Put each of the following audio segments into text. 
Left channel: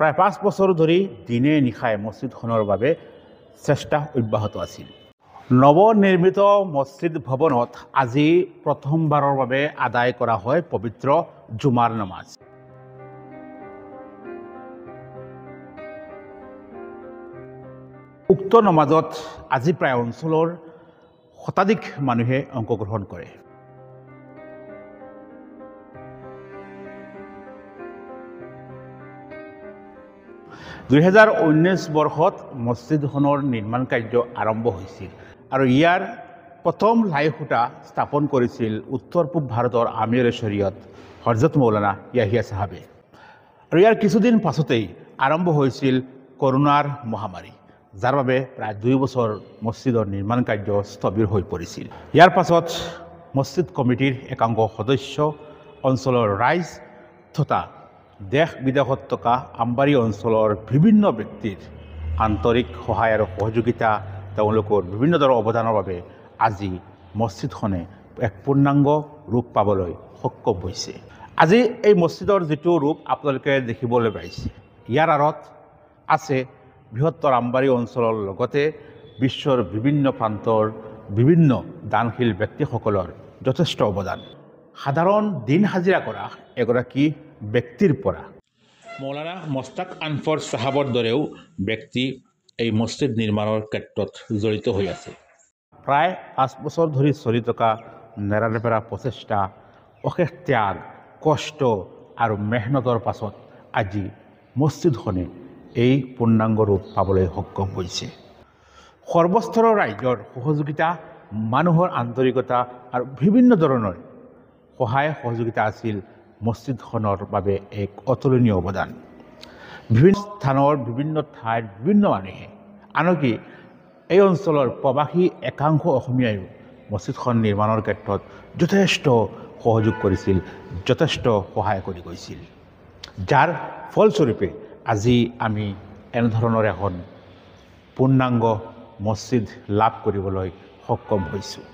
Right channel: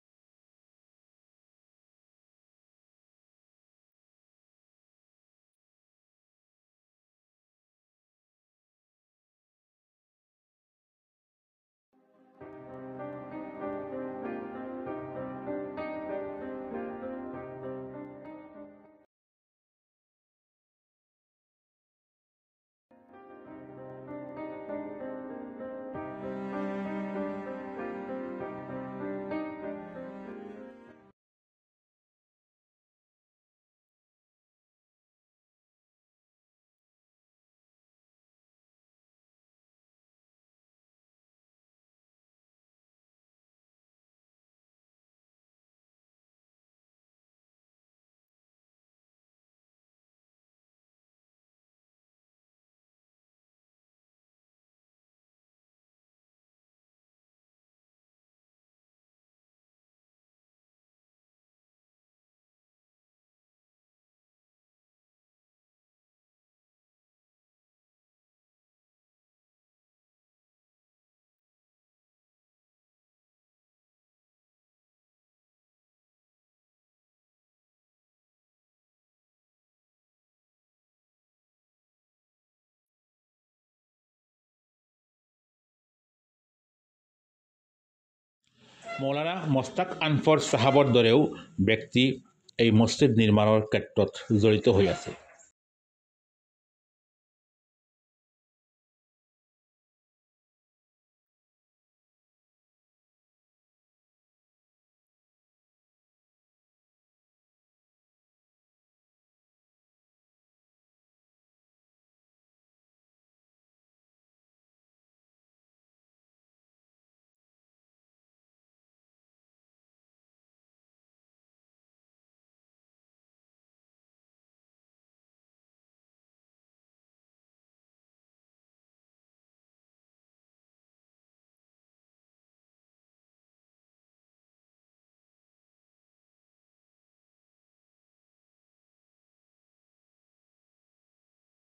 প্ৰায় 5 বছৰ ধৰি দিনে নিশাই মছজিদখনৰ বাবে চেষ্টা অব্যাহত আছিল। নৱনিৰ্মিত মছজিদ ভৱনত আজি প্ৰথমবাৰৰ বাবে আদায় কৰা হয় পবিত্ৰ জুমাৰ নামাজ। উক্ত নামাজত আজি প্ৰায় অঞ্চলৰ শতাধিক মানুহে অংশগ্ৰহণ কৰে। (2019) বৰ্ষত মছজিদখনৰ নিৰ্মাণ কাৰ্য আৰম্ভ হৈছিল আৰু ইয়াৰ প্ৰথম লাই খুঁটা স্থাপন কৰিছিল উত্তৰ পূব ভাৰতৰ আমিৰ শৰীয়ত হজৰত মৌলানা য়াহিয়া চাহাবে। আৰু ইয়াৰ কিছুদিন পাছতেই আৰম্ভ হৈছিল কৰোনাৰ মহামাৰী, যাৰ বাবে প্ৰায় 2 বছৰ মছজিদৰ নিৰ্মাণ কাৰ্য স্থবিৰ হৈ পৰিছিল। ইয়াৰ পাছত মছজিদ কমিটিৰ একাংশ সদস্য, অঞ্চলৰ ৰাইজ তথা দেশ বিদেশত থকা আমবাৰী অঞ্চলৰ বিভিন্ন ব্যক্তিৰ আন্তৰিক সহায় আৰু সহযোগিতা, তেওঁলোকৰ বিভিন্ন ধৰণৰ অৱদানৰ বাবে আজি মছজিদখনে এক পূৰ্ণাংগ ৰূপ পাবলৈ সক্ষম হৈছে। আজি এই মছজিদৰ যিটো ৰূপ আপোনালোকে দেখিবলৈ পাইছে, ইয়াৰ আঁৰত আছে বৃহত্তৰ আমবাৰী অঞ্চলৰ লগতে বিশ্বৰ বিভিন্ন প্ৰান্তৰ বিভিন্ন দানশীল ব্যক্তিসকলৰ যথেষ্ট অৱদান। সাধাৰণ দিন হাজিৰা কৰা এগৰাকী ব্যক্তিৰ পৰা মৌলানা মস্তাক আনফৰ চাহাবৰ দৰেও ব্যক্তি এই মছজিদ নিৰ্মাণৰ ক্ষেত্ৰত জড়িত হৈ আছে। প্ৰায় 5 বছৰ ধৰি চলি থকা নেৰানেপেৰা প্ৰচেষ্টা, অশেষ ত্যাগ, কষ্ট আৰু মেহনতৰ পাছত আজি মছজিদখনে এই পূৰ্ণাংগ ৰূপ পাবলৈ সক্ষম হৈছে। সৰ্বস্তৰৰ ৰাইজৰ সহযোগিতা, মানুহৰ আন্তৰিকতা আৰু বিভিন্ন ধৰণৰ সহায় সহযোগিতা আছিল মছজিদখনৰ বাবে এক অতুলনীয় অৱদান। বিভিন্ন স্থানৰ বিভিন্ন ঠাইৰ বিভিন্ন মানুহে, আনকি এই অঞ্চলৰ প্ৰৱাসী একাংশ অসমীয়াইও মছজিদখন নিৰ্মাণৰ ক্ষেত্ৰত যথেষ্ট সহযোগ কৰিছিল, যথেষ্ট সহায় কৰি গৈছিল, যাৰ ফলস্বৰূপে আজি আমি এনেধৰণৰ এখন পূৰ্ণাংগ মছজিদ লাভ কৰিবলৈ সক্ষম হৈছোঁ।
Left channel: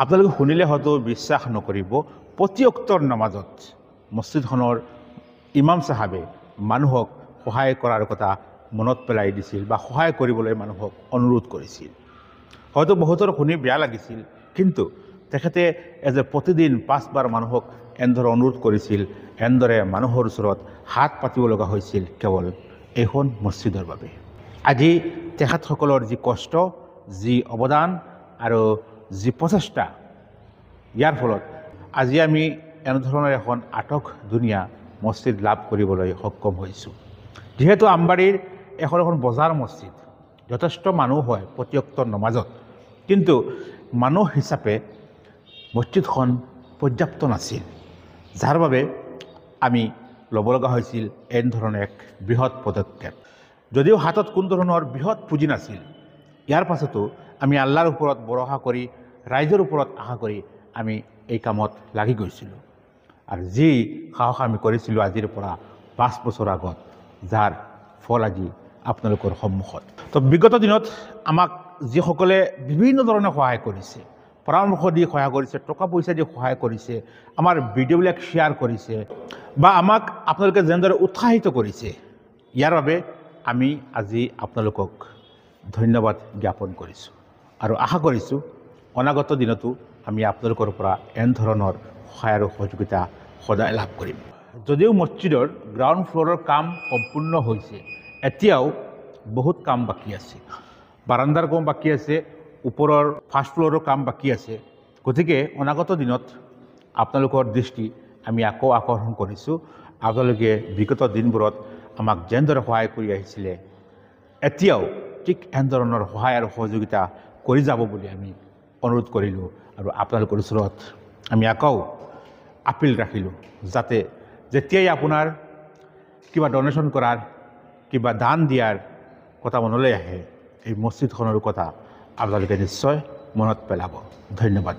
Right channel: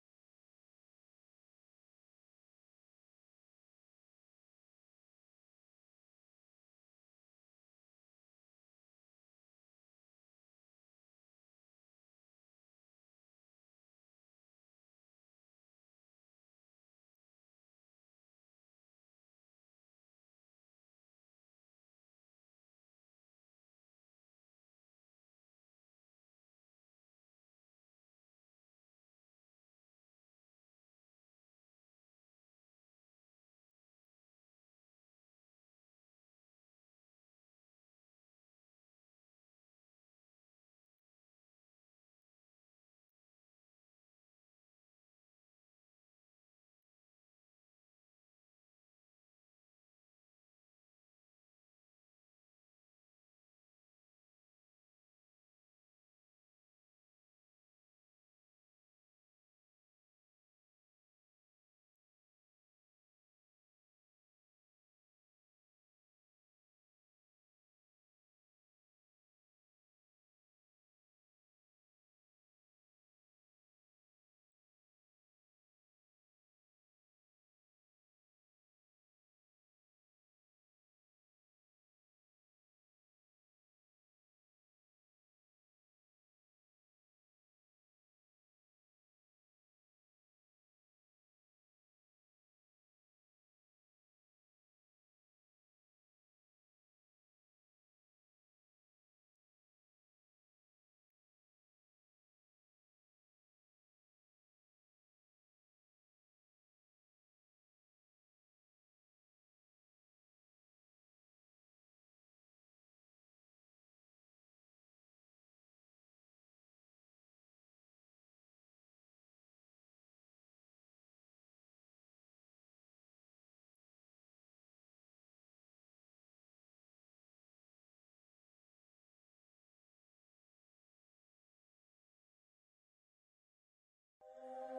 আপোনালোকে শুনিলে হয়তো বিশ্বাস নকৰিব, প্ৰতি অক্তৰ নামাজত মছজিদখনৰ ইমাম চাহাবে মানুহক সহায় কৰাৰ কথা মনত পেলাই দিছিল বা সহায় কৰিবলৈ মানুহক অনুৰোধ কৰিছিল। হয়তো বহুতৰ শুনি বেয়া লাগিছিল, কিন্তু তেখেতে প্ৰতিদিন 5 বাৰ মানুহক এনেদৰে অনুৰোধ কৰিছিল, এনেদৰে মানুহৰ ওচৰত হাত পাতিব লগা হৈছিল কেৱল এইখন মছজিদৰ বাবে। আজি তেখেতসকলৰ যি কষ্ট, যি অৱদান আৰু যি প্ৰচেষ্টা, ইয়াৰ ফলত আজি আমি এনেধৰণৰ এখন আটক ধুনীয়া মছজিদ লাভ কৰিবলৈ সক্ষম হৈছোঁ। যিহেতু আমবাৰীৰ এখন বজাৰ মছজিদ, যথেষ্ট মানুহ হয় প্ৰতি অক্তৰ নমাজত, কিন্তু মানুহ হিচাপে মছজিদখন পৰ্যাপ্ত নাছিল, যাৰ বাবে আমি ল'ব লগা হৈছিল এনেধৰণৰ এক বৃহৎ পদক্ষেপ। যদিও হাতত কোনো ধৰণৰ বৃহৎ পুঁজি নাছিল, ইয়াৰ পাছতো আমি আল্লাহৰ ওপৰত ভৰসা কৰি, ৰাইজৰ ওপৰত আশা কৰি আমি এই কামত লাগি গৈছিলোঁ। আৰু যি সাহস আমি কৰিছিলোঁ আজিৰ পৰা 5 বছৰ আগত, যাৰ ফল আজি আপোনালোকৰ সন্মুখত। তো বিগত দিনত আমাক যিসকলে বিভিন্ন ধৰণে সহায় কৰিছে, পৰামৰ্শ দি সহায় কৰিছে, টকা পইচা দি সহায় কৰিছে, আমাৰ ভিডিঅ'বিলাক শ্বেয়াৰ কৰিছে বা আমাক আপোনালোকে যেনেদৰে উৎসাহিত কৰিছে, ইয়াৰ বাবে আমি আজি আপোনালোকক ধন্যবাদ জ্ঞাপন কৰিছোঁ আৰু আশা কৰিছোঁ অনাগত দিনতো আমি আপোনালোকৰ পৰা এনেধৰণৰ সহায় আৰু সহযোগিতা সদায় লাভ কৰিম। যদিও মছজিদৰ গ্ৰাউণ্ড ফ্ল'ৰৰ কাম সম্পূৰ্ণ হৈছে, এতিয়াও বহুত কাম বাকী আছে। বাৰাণ্ডাৰ কাম বাকী আছে, ওপৰৰ ফাৰ্ষ্ট ফ্ল'ৰৰ কাম বাকী আছে। গতিকে অনাগত দিনত আপোনালোকৰ দৃষ্টি আমি আকৌ আকৰ্ষণ কৰিছোঁ। আপোনালোকে বিগত দিনবোৰত আমাক যেনেদৰে সহায় কৰি আহিছিলে, এতিয়াও ঠিক এনেধৰণৰ সহায় আৰু সহযোগিতা কৰি যাব বুলি আমি অনুৰোধ কৰিলোঁ আৰু আপোনালোকৰ ওচৰত আমি আকৌ আপিল ৰাখিলোঁ, যাতে যেতিয়াই আপোনাৰ কিবা ডনেশ্যন কৰাৰ, কিবা দান দিয়াৰ কথা মনলৈ আহে, এই মছজিদখনৰ কথা আপোনালোকে নিশ্চয় মনত পেলাব। ধন্যবাদ।